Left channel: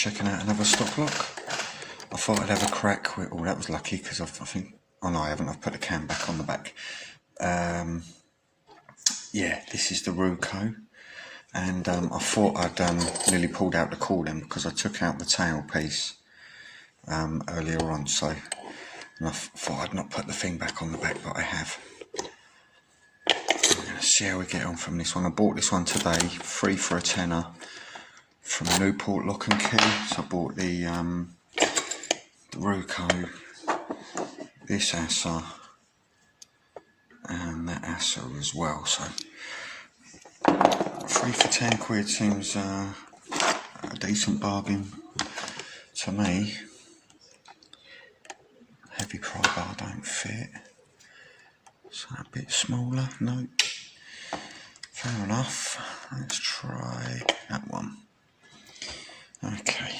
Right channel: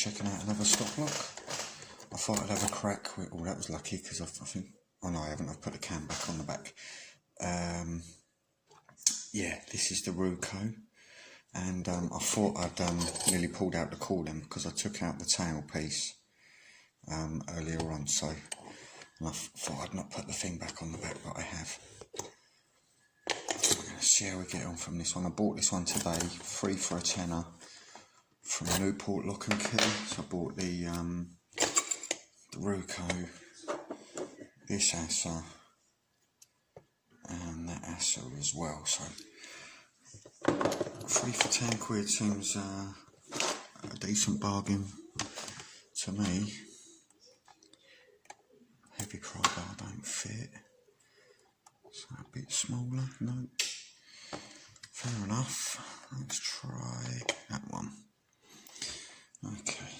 checking out another stock lock. I thought I'd have a crack with, oh that was lucky because I think, oh no I haven't, I've put the cam back on the back. Yeah, this is the Ruko, and I thought I'd nearly pulled out the cordon because I took out the tail piece earlier on, so and I thought I'd not put the thing back on the back, but I have. We're going to see how we get on from this one. I bought this one today, 3 for a tenner from Newport Lock and Key. So I bought the Ruko, this Assa, and that Assa as well. So 3 for 10 quid seems a decent bargain to me. Heavy pry bar don't fit. So a bit smaller, no. Fair enough. Let's try that one. Okay.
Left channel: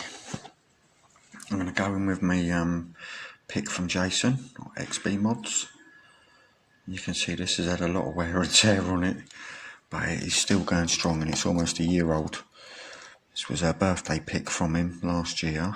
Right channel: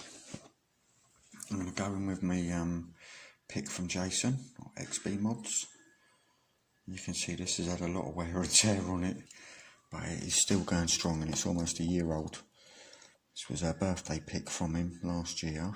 I'm going to go in with my pick from Jason, or Xbmods. You can see this has had a lot of wear and tear on it, but it is still going strong and it's almost a year old. This was a birthday pick from him last year.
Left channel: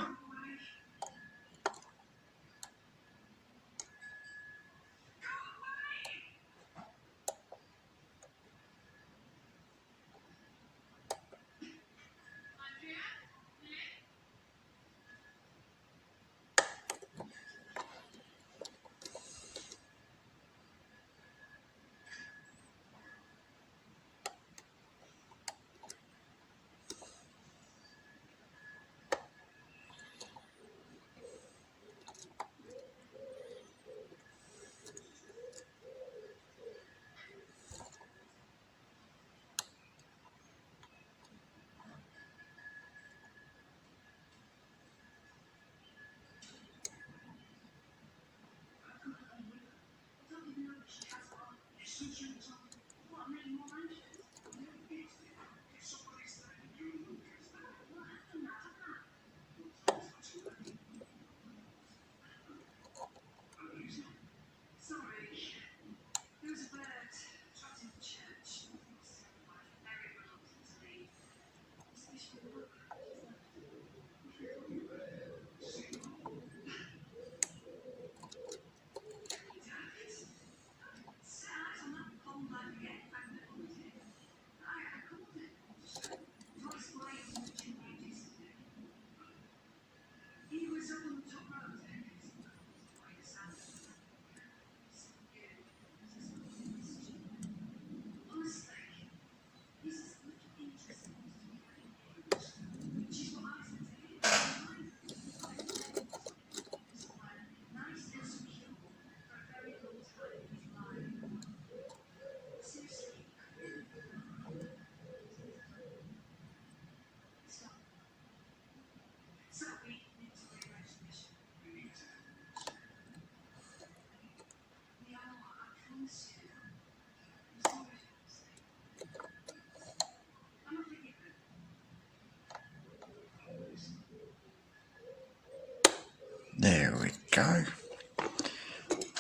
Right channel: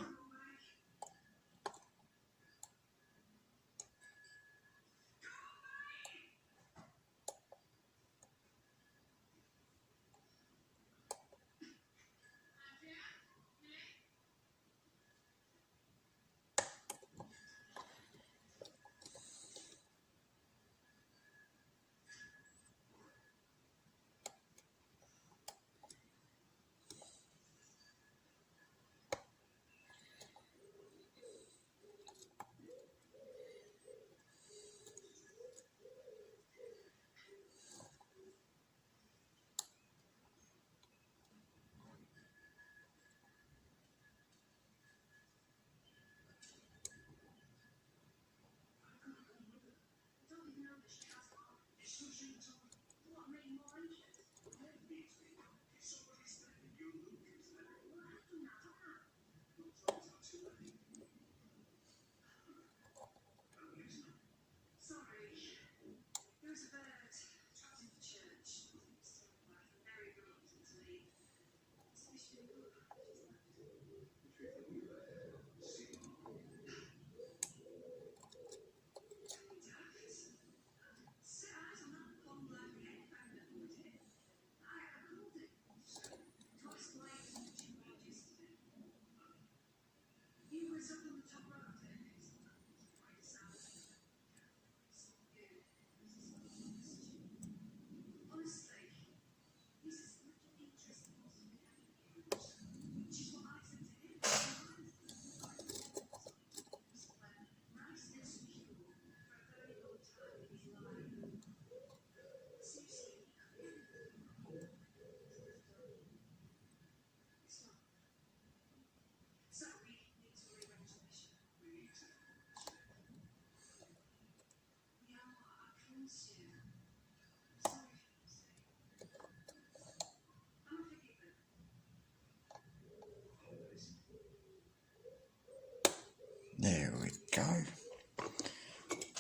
There we go.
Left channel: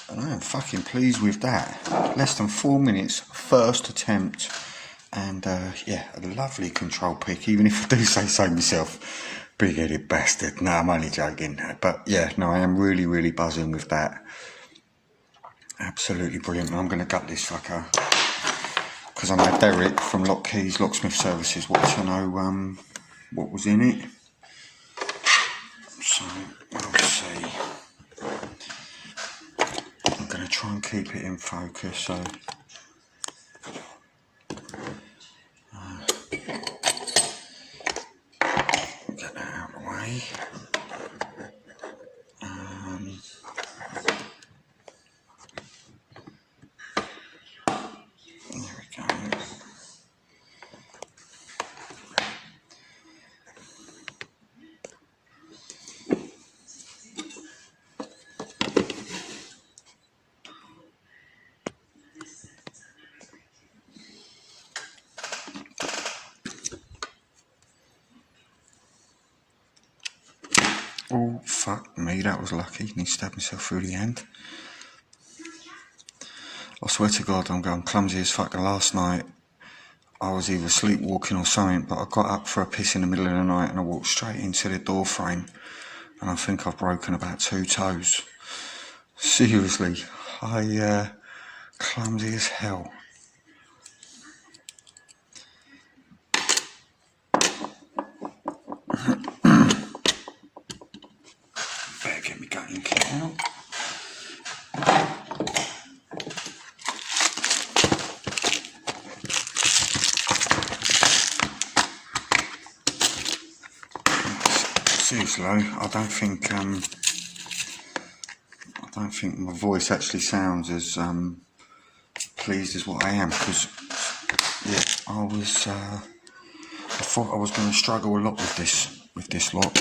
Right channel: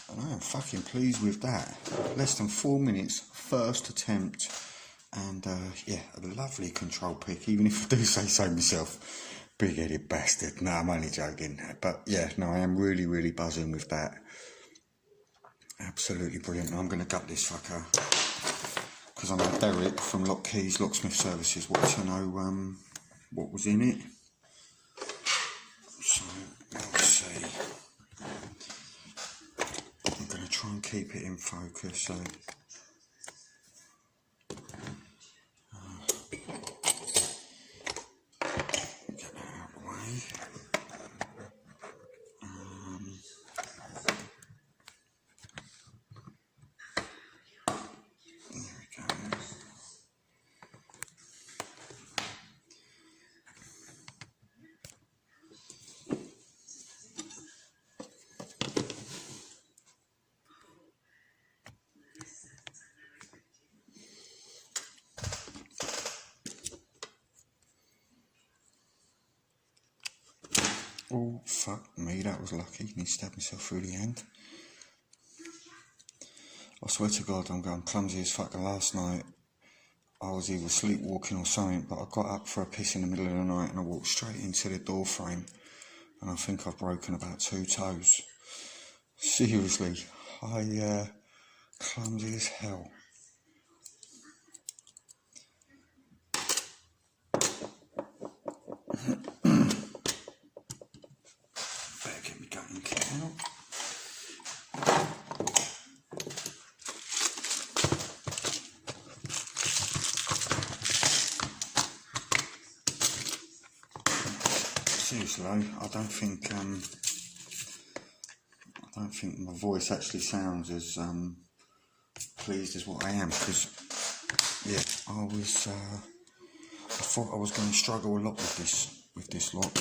And I am fucking pleased with that. Less than 4 minutes, first attempt. And yeah, a lovely control pick, even if I do say so myself. Big-headed bastard. No, I'm only joking. But yeah, no, I am really, really buzzing with that. Absolutely brilliant. I'm going to gut this fucker. Because I know Derek from Lockkeys, Locksmith Services, wanted to know what was in it. So, we'll see. I'm going to try and keep it in focus, so... get that out of the way. There we go. Oh, fuck me, that was lucky. Need to stab myself through the hand. I swear to God, I'm going clumsy as fuck. Last night, I was either sleepwalking or something, but I got up for a piss in the middle of the night and I walked straight into the door frame, and I think I've broken about 2 toes. Seriously, I clumsy as hell. Better get me gutting kit out. Seriously, I don't think my voice actually sounds as pleased as what I am, because yeah, I thought I was going to struggle a lot with this lock.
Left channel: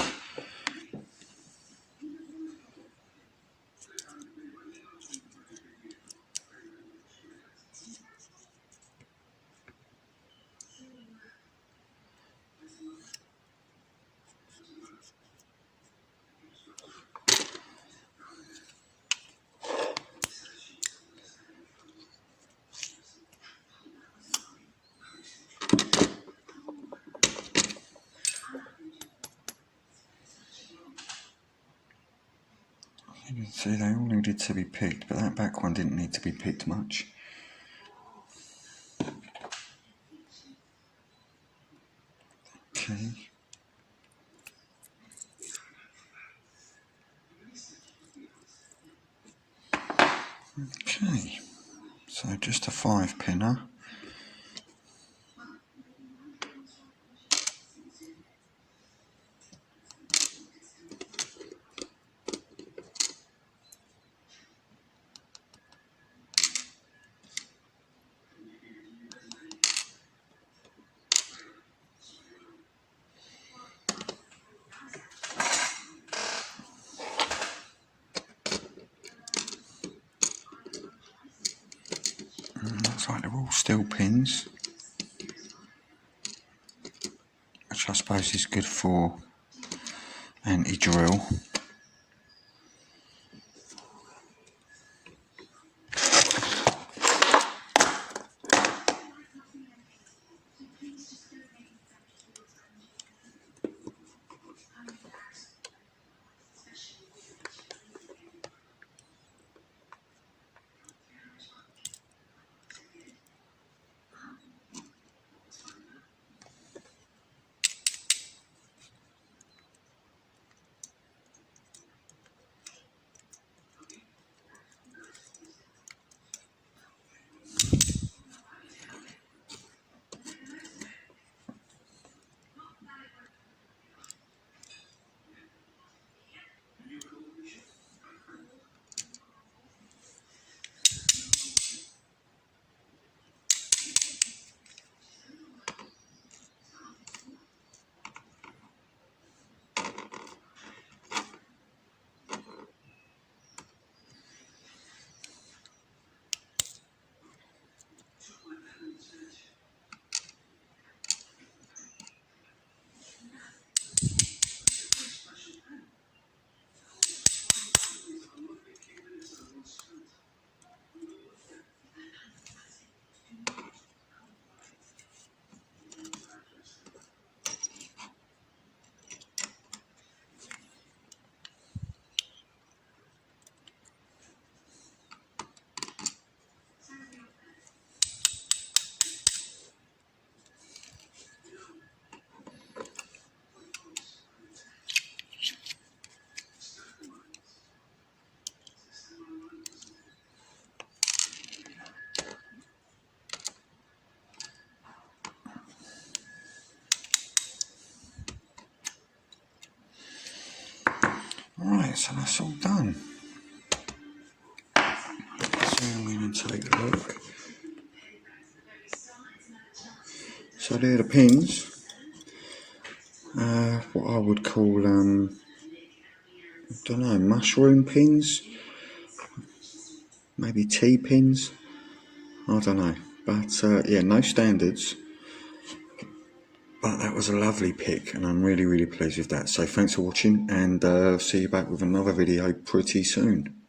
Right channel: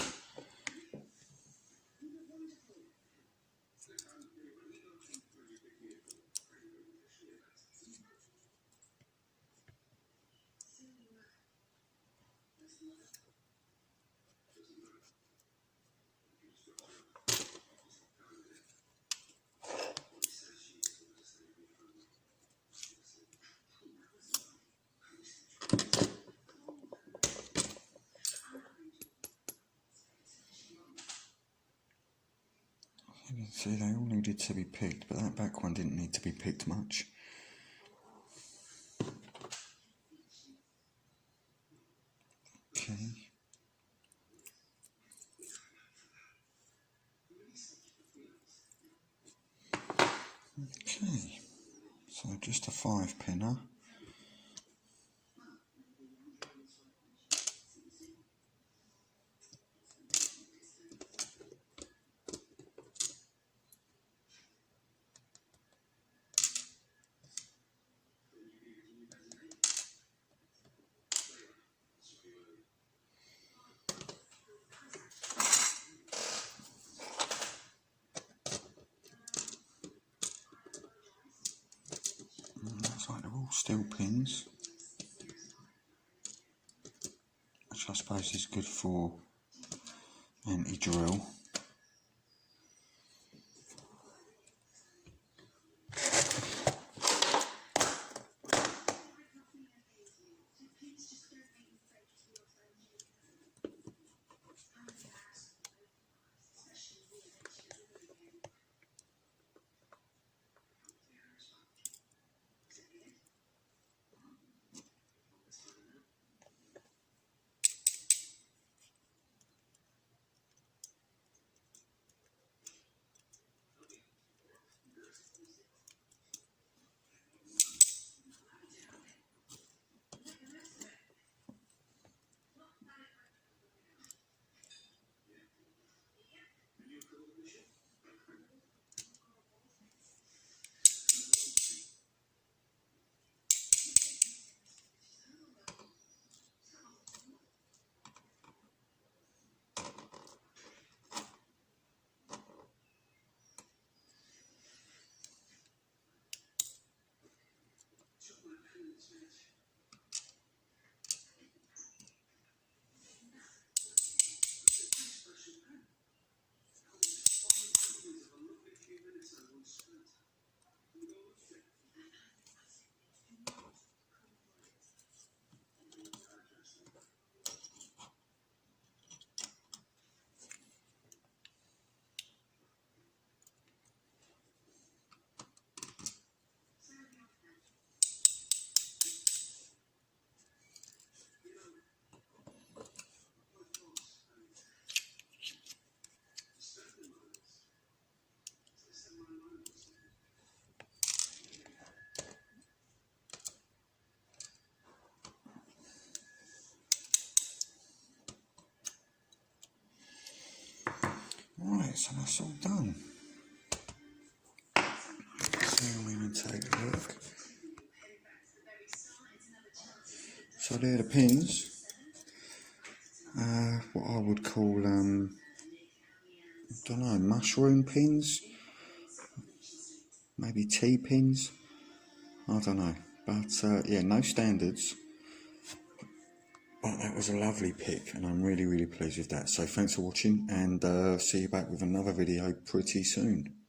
See, they all needed to be picked, but that back one didn't need to be picked much. Okay. Okay, so just a 5-pinner. Looks like they're all steel pins, which I suppose is good for anti-drill. Right, so that's all done. So I'm going to take a look. So they're the pins. What I would call, I don't know, mushroom pins? Maybe T-pins? I don't know. But yeah, no standards. But that was a lovely pick, and I'm really, really pleased with that. So thanks for watching, and see you back with another video pretty soon.